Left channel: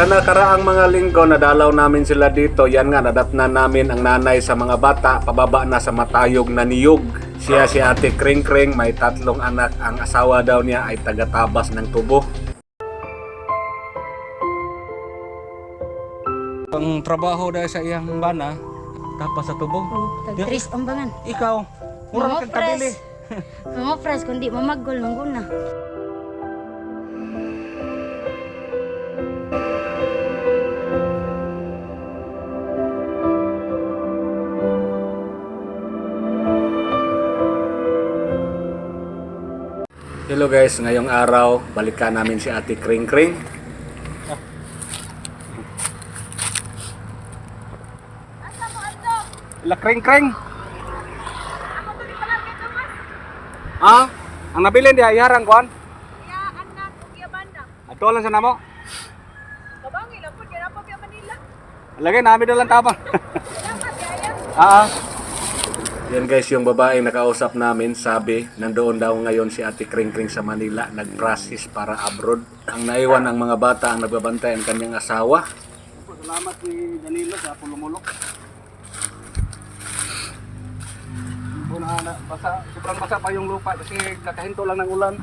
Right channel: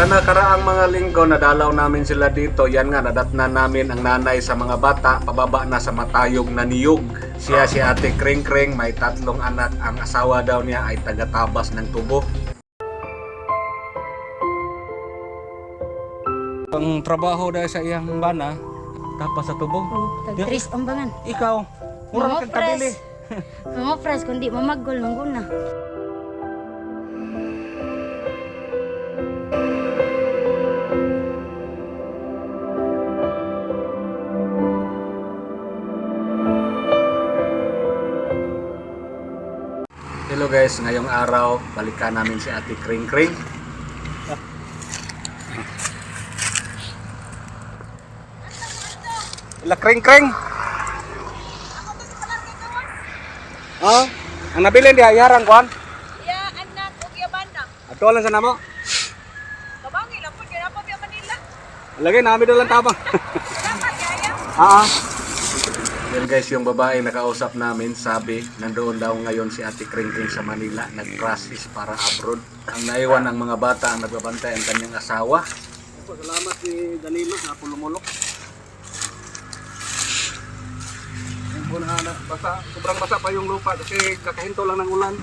Sa nakaraang mga linggo, nadalaw namin sila dito. Yan nga, nadatnan namin ang nanay sa mga bata, pababa na sa matayog na niyog. Siya si Ate Kring Kring, may 3 anak. Ang asawa daw niya ay taga-Tabas ng Tubo. Ang trabaho dahil sa iyang bana, Tabas sa Tubo. Tag-tris ambangan. Ikaw, mura kang kabili. Mga pres, kundi mamagol nung guna. Hello guys, ngayong araw, balikan namin si Ate Kring Kring. La Kring Kring. Ah, ang nabilin di hayarang kuan. Ya, anak ug yabanda. Ato lang sa namo. Kabangi lang po kaya pa Manila. Lagi namin dalang tabang. Salamat kaya. Ah. Yan guys, yung babae nakausap namin, sabi, nandoon daw ngayon si Ate Kring Kring sa Manila, nag-process para abroad. Ang naiwan ng mga bata ang nagbabantay ang kanyang asawa. Salamat ni Danilo sa pulumulok. Basa, sobrang basa pa yung lupa kasi kakahinto lang ng ulan.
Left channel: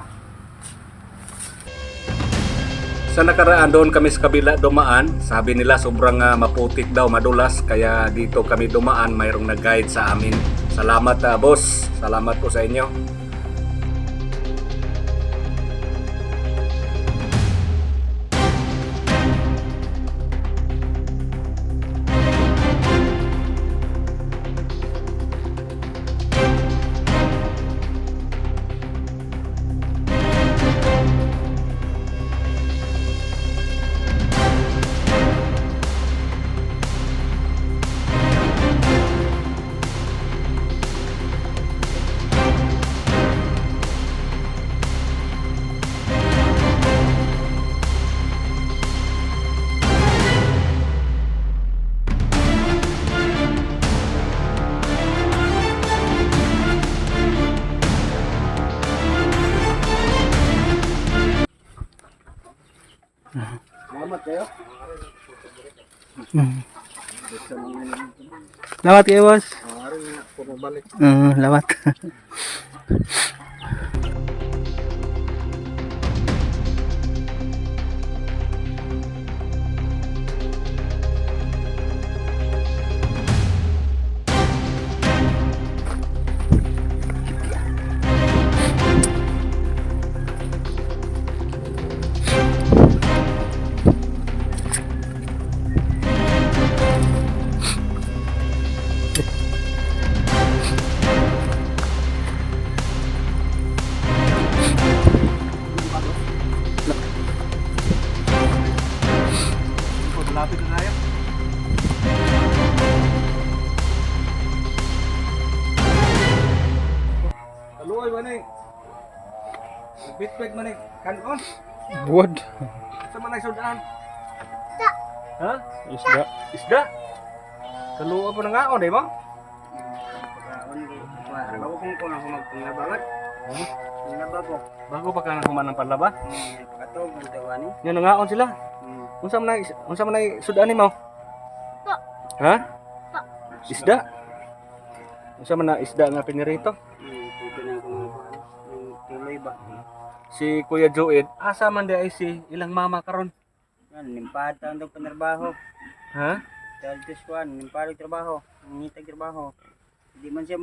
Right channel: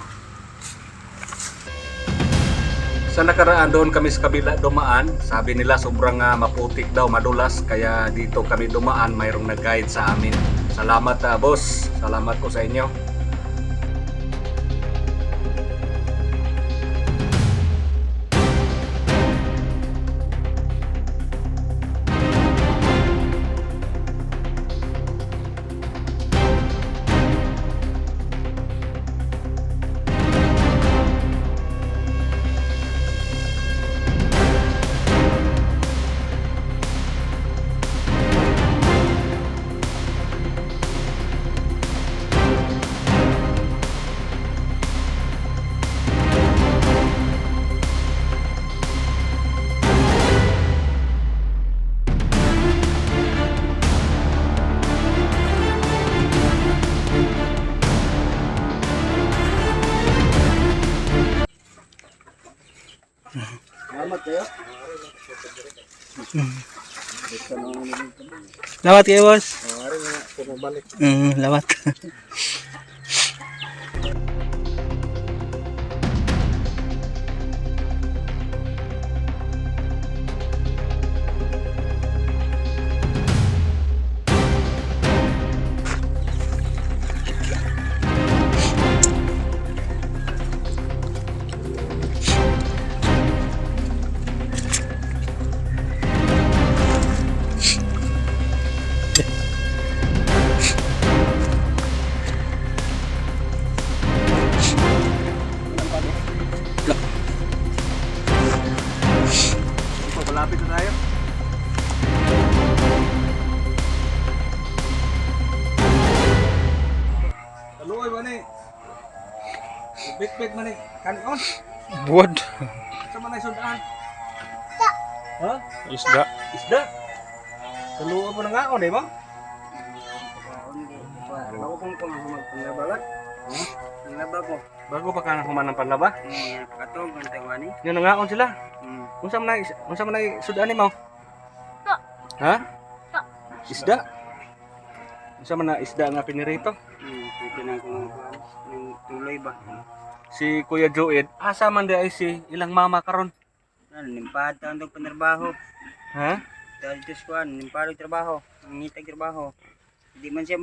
Sa nakaraan doon kami sa kabila dumaan, sabi nila sobrang maputik daw, madulas, kaya dito kami dumaan, mayroong nag-guide sa amin. Salamat boss, salamat po sa inyo. Salamat kayo. Lawat kayo, boss. Ari na puno balik. Lawat. Malapit na tayo. Taluoy ba ni? Bit-bit man ni kanon. Buwad. Sa man ay sudaan? Ha? Isda. Isda? Taluoy pa na nga on, di ba? Bago kong magpanglabalat. Panglaba ko. Bago pa ka human ng panlaba? Katog, ang tawani. Yan na nga on sila. Unsa man ay sudaan nimo? Ha? Isda? Unsa man na isda nga pinirito? Pwede na akong ng tuloy ba? Si Kuya Joed, asa man di ay si ilang mama karon? Yan, nimpad taon itong panarbaho. Ha? Dahil ito squan, nimpad yung trabaho. Ang ngitag trabaho. Hindi man siya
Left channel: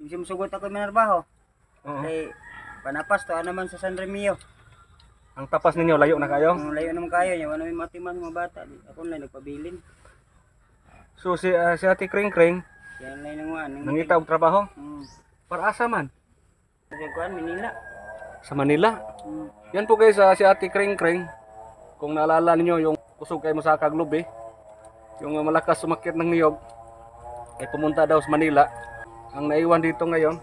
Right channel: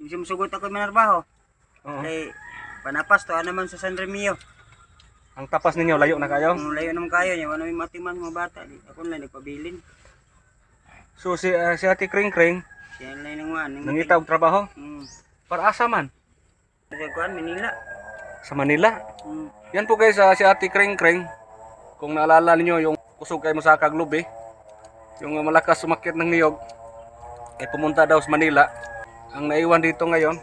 musugot ako yung manarbaho. Oo. Kaya panapas to, naman sa San Remio. Ang tapas ninyo layo na kayo. Kung layo naman kayo niya, wala may matiman mga bata. Ako lang nagpabilin. So si Ate Kring Kring Siya lang nang wan. nangita og trabaho Hmm. para asa man Sa kuan, Manila. sa Manila. Hmm. Yan po guys, si Ate Kring Kring. Kung naalala niyo yung kusog kay mo sa Kaglubi, yung malakas sumakit ng niyog, ay pumunta daw sa Manila. Ang naiwan dito ngayon,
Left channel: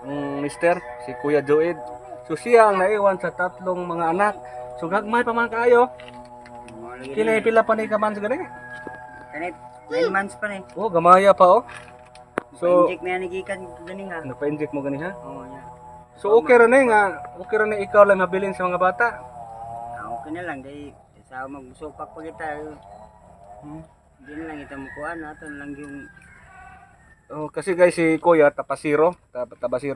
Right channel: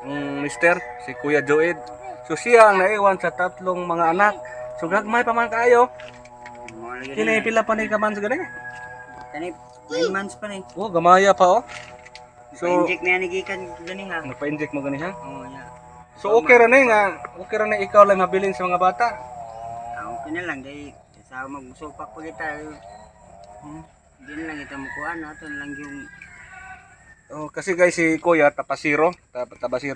ang mister, si Kuya Joed. So siya ang naiwan sa 3 mga anak. So gagmay pa man kayo. Kini pila pa ni kaman sa gani? Kanip, 9 months pa ni. Oh, gamaya pa oh. So Pa-inject na yan nagikan gani ha. nagpa-inject mo gani ha? Oo, ya. So okay ra na nga, okay ra na ikaw lang mabilin sa mga bata. Okay na lang dahil Sa magsupak pa kita. Hindi na lang kita makuhaan. Ato na lang yung Oh, kasi guys si Kuya tabasiro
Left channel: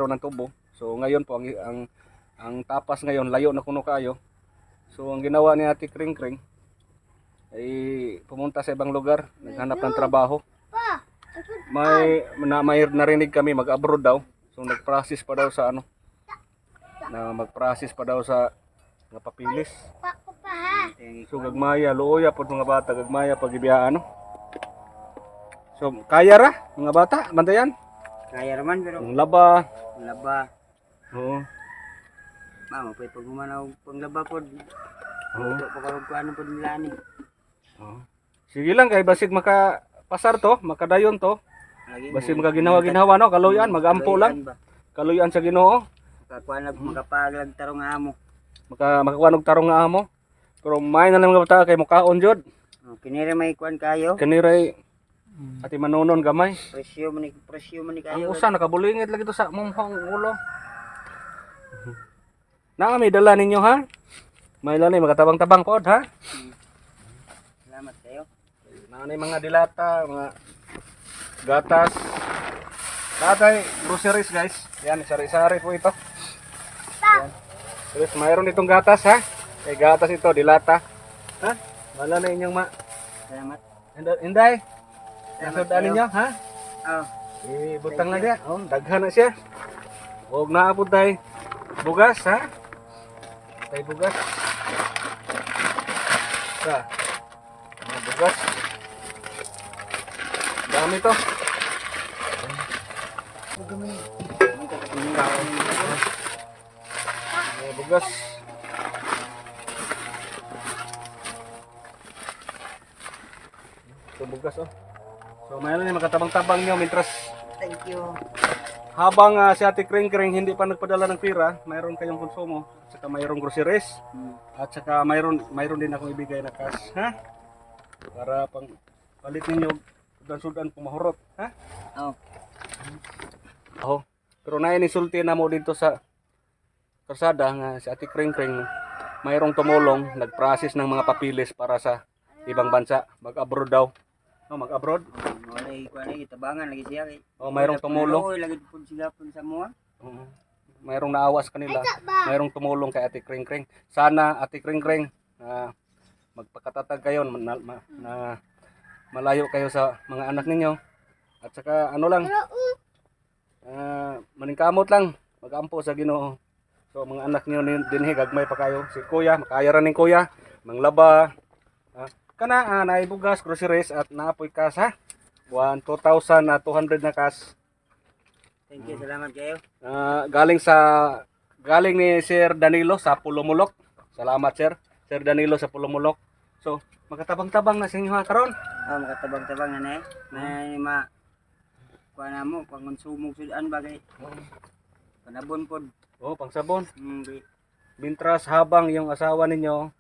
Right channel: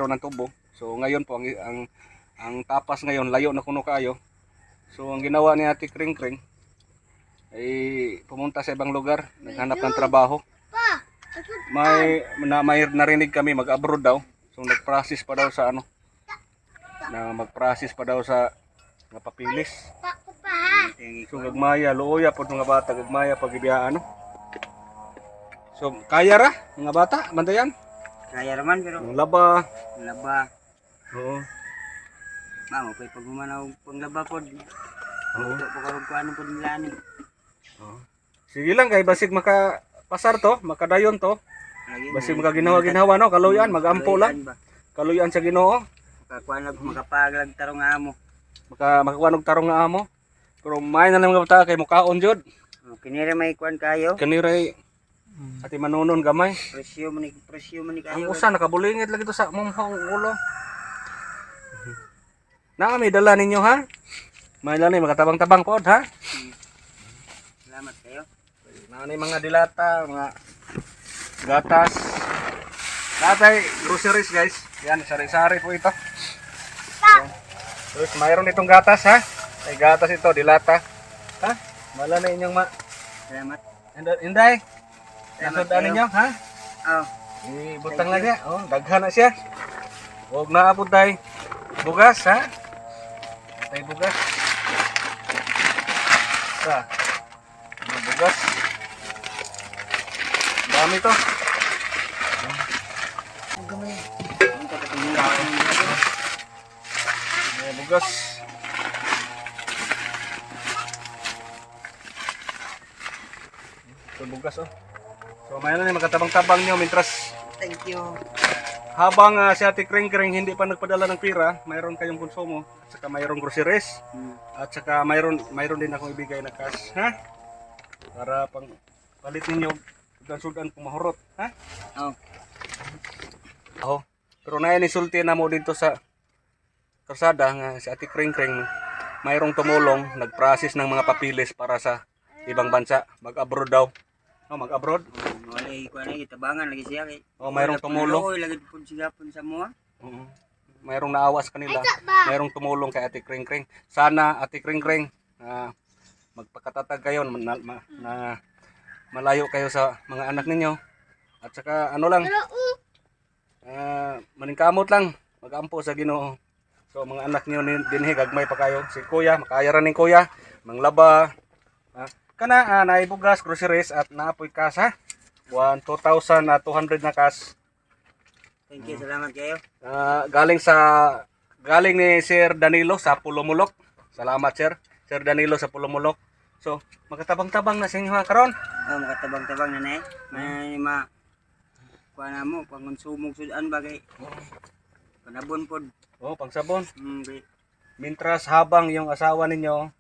ng tubo. So ngayon po ang tapas ngayon layo na kuno kayo. So ang ginawa ni Ate Kring Kring ay pumunta sa ibang lugar, naghanap ng trabaho. May narinig kami mag-abroad daw. So nag-process pa daw sa mag-process pa daw sa nga papilis. So gagmaya luoya pod mga bata, gagmaya pag ibiyaan. So kaya ra mga bata, bantayan. kaya raman pero Ang laba. laba. Oo. Mama, pwede pag humanaw panglaba po. Oo. Ito pa karong kuano po nila ni. Sige lang kay basig makapasar to, makadayon to. Lagi Basig makaginawa-ginawa no, kaluyan, magampo lang. Kaluyan sa Ginoo. Makakuanag, makapaglag tarong nga amo. Makakuha og tarong nga amo. Pero may na lang mga bata kay mukaon jud. Kinira may kuan kayo. Kaniray ati manunon gamay. Presyo man ni Ang kayo. usa nakabulingit lagi to sa mumhang ulo. Na may dala ninyo ha? May dala makatabang-tabang pod ha? Salamat kayo. Nanay mga dilata, mga gatas. Tatay, groceries guys. Yan, sari-sari po ito. Yan. Terus mayroon itong gatas ha. May gatas ito, dilata. Ha? Mala na inyong Salamat. Inday. Salamat Nasod ninyo ha? Oh, Ibutang na siya. Oh, daghan na siya. Huwag na abot tayo. Bugas ha? Tay bugas. Ya. Mga bugas. Dami to. Mga bugas. Ito bugas oh. So mayroon na magkatabang-tabang nyo mintras thank you. habang si Ate Kring Kring hindi pa nagpadala ng pira, mayroon kayong konsumo at saka mayroong groceries at saka mayroon din akong ibigay na cash, ha? Para pang palit ninyo sudan kung mahurot, ha? Oh, Oh. Pero nainisulti na mo dito sa karsada nga si Ate Kring Kring mayroong tumulong, nag-process ng mga papilis para sa ibang bansa, mag-abroad daw. No, mag-abroad. wala kuan ay tabangan lagi siya kay. Oh, mayroong tumulong. Oy, lagi pud siya pun sa mo. Oo. Mayroong naawa sa kanila. Mayroong tumulong kay Ate Kring Kring. Sana Ate Kring Kring magpakatatag kayo na malayo kayo sa mga anak ninyo. At saka ano lang, maningkamot lang, mag-ampo sa Ginoo. So mga anak niyo dinhi gagmay pa kayo. Si Kuya, makaya ra ning Kuya, manglaba. Kana naibugas groceries at naapoy cash ha. 2,200 na cash. Thank you, salamat kayo. Galing ni Sir Danilo sa Pulumulok. Salamat sir. Sir Danilo sa Pulumulok. So, magkatabang-tabang na sa inyo ha karon. Oh, makatabang-tabang na na eh. May kuan na mo, pangonsumog sudan bagay. Panabon pod. Oh, pangsabon. Di- Mintras habang yung asawa ninyo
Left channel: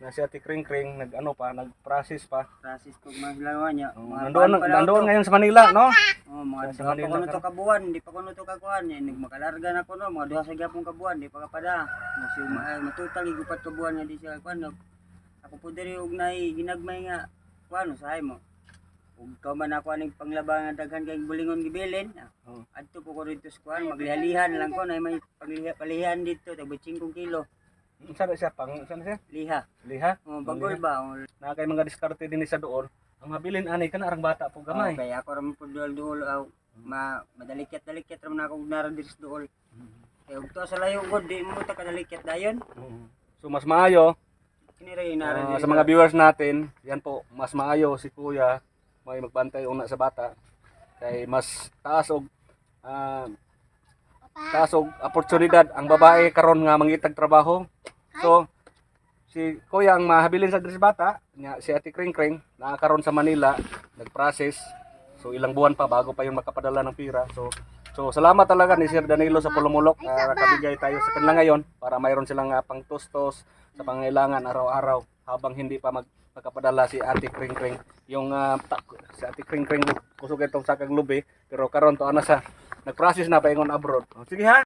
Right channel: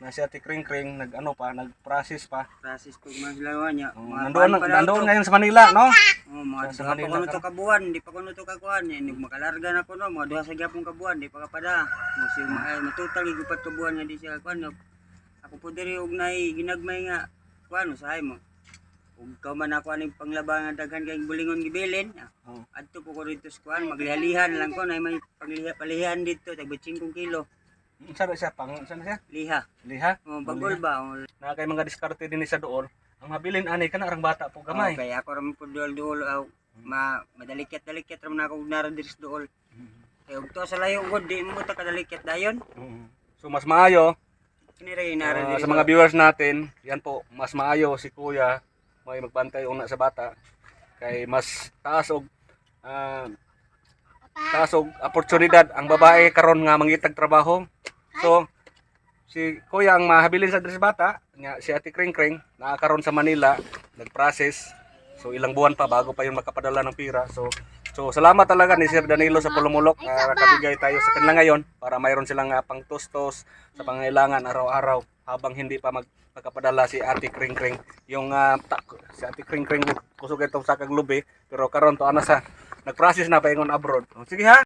na si Ate Kring Kring nag-process pa. Process pag mga silawa niya. Nandoon ngayon sa Manila, no? Oh, mga Sa duha pa Manila kuno ka. to kabuan, di pa kuno to kakuan. Makalarga na kuno, mga duha sa gyapon kabuan, di pa kapada. Musi matutal gigupat kabuan nga di siya kuan. Ako po diri og nay ginagmay nga kuan usahay mo. Ug ka man ako aning panglaba nga daghan kay bulingon gibilin. Oh. Adto po ko dito sa kuan, maglihalihan lang ko nay may palihan dito tag 5 kilo. Saan siya? Saan siya? Liha. Liha? Oh, bagol ba? Oh, Na kay mga diskarte din sa dool. Ang mabilin ani kana arang bata po gamay. Okay, ako ram po duol madalikat-dalikat ram na ako naran diri sa duol. Kay ug to sa layo gud di mo ta kadalikat dayon. So mas maayo Kinira yung naran diri. sa mga viewers natin, yan po, mas maayo si Kuya may magbantay una sa bata kay mas taas og oportunidad ang babae karon nga mangitag trabaho. So si Kuya ang mahabilin sa diri sa bata, nya si Ate Kring Kring karon sa Manila, nag-process. So ilang buwan pa bago pa yung makapadala ng pira. So salamat talaga ni Sir Danilo sa Pulumulok. Nakabigay tayo sa kanila ngayon para mayroon silang pangtustos sa pangailangan araw-araw habang hindi pa magkapadala si Ate Kring Kring. Yung si Ate Kring Kring kusog itong sa kaglubi pero karon to ana sa nag-process na paingon abroad. Sige ha.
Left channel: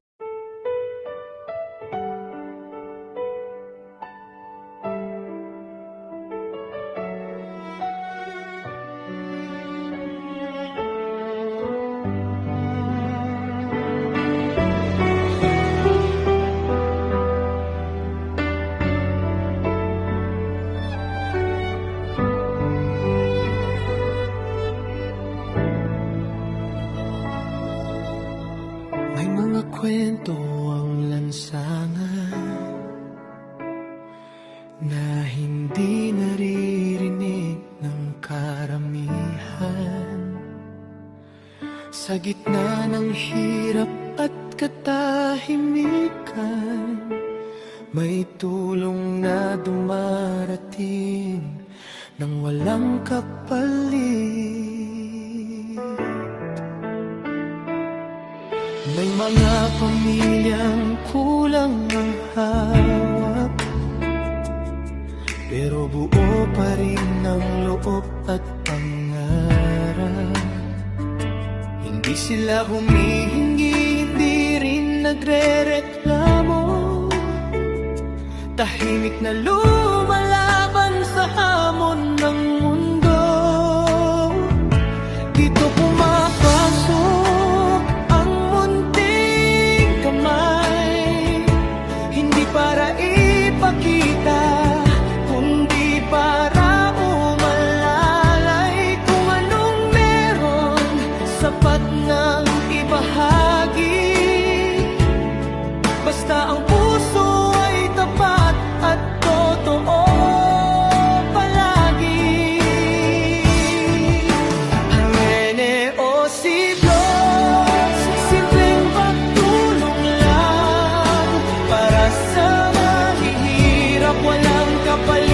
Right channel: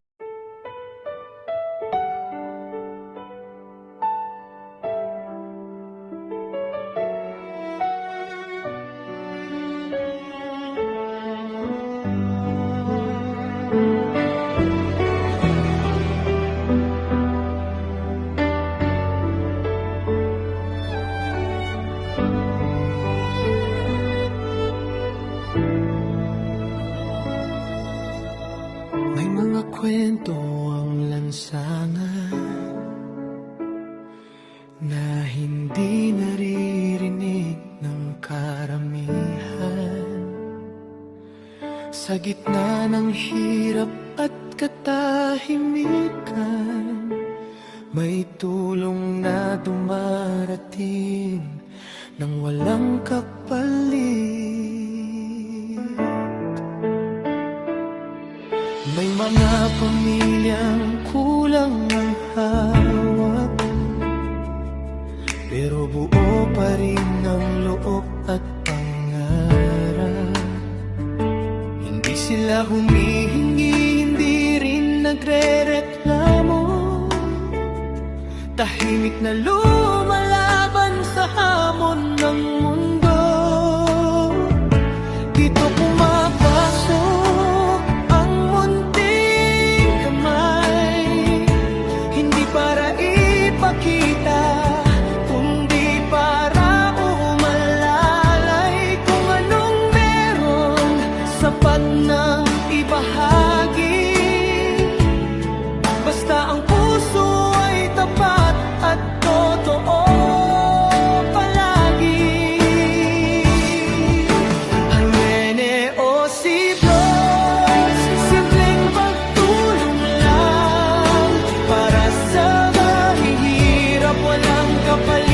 mga kwento ang lansangan na hindi naririnig ng karamihan. Sa gitna ng hirap at katahimikan, may tulong na dumarating nang walang kapalit. May mga pamilyang kulang ang hawak, pero buo pa rin ang loob at pangarap. Hindi sila humihingi, hindi rin nagre-reklamo. Tahimik na lumalaban sa hamon ng mundo. Dito pumapasok ang munting kamay, hindi para ipakita, kundi para umalalay. Kung anong meron, sapat nang ibahagi. Basta ang puso ay tapat at totoo palagi. Hamene o Siblos, simpleng pagtulong lang para sa mahihirap, walang kapalit.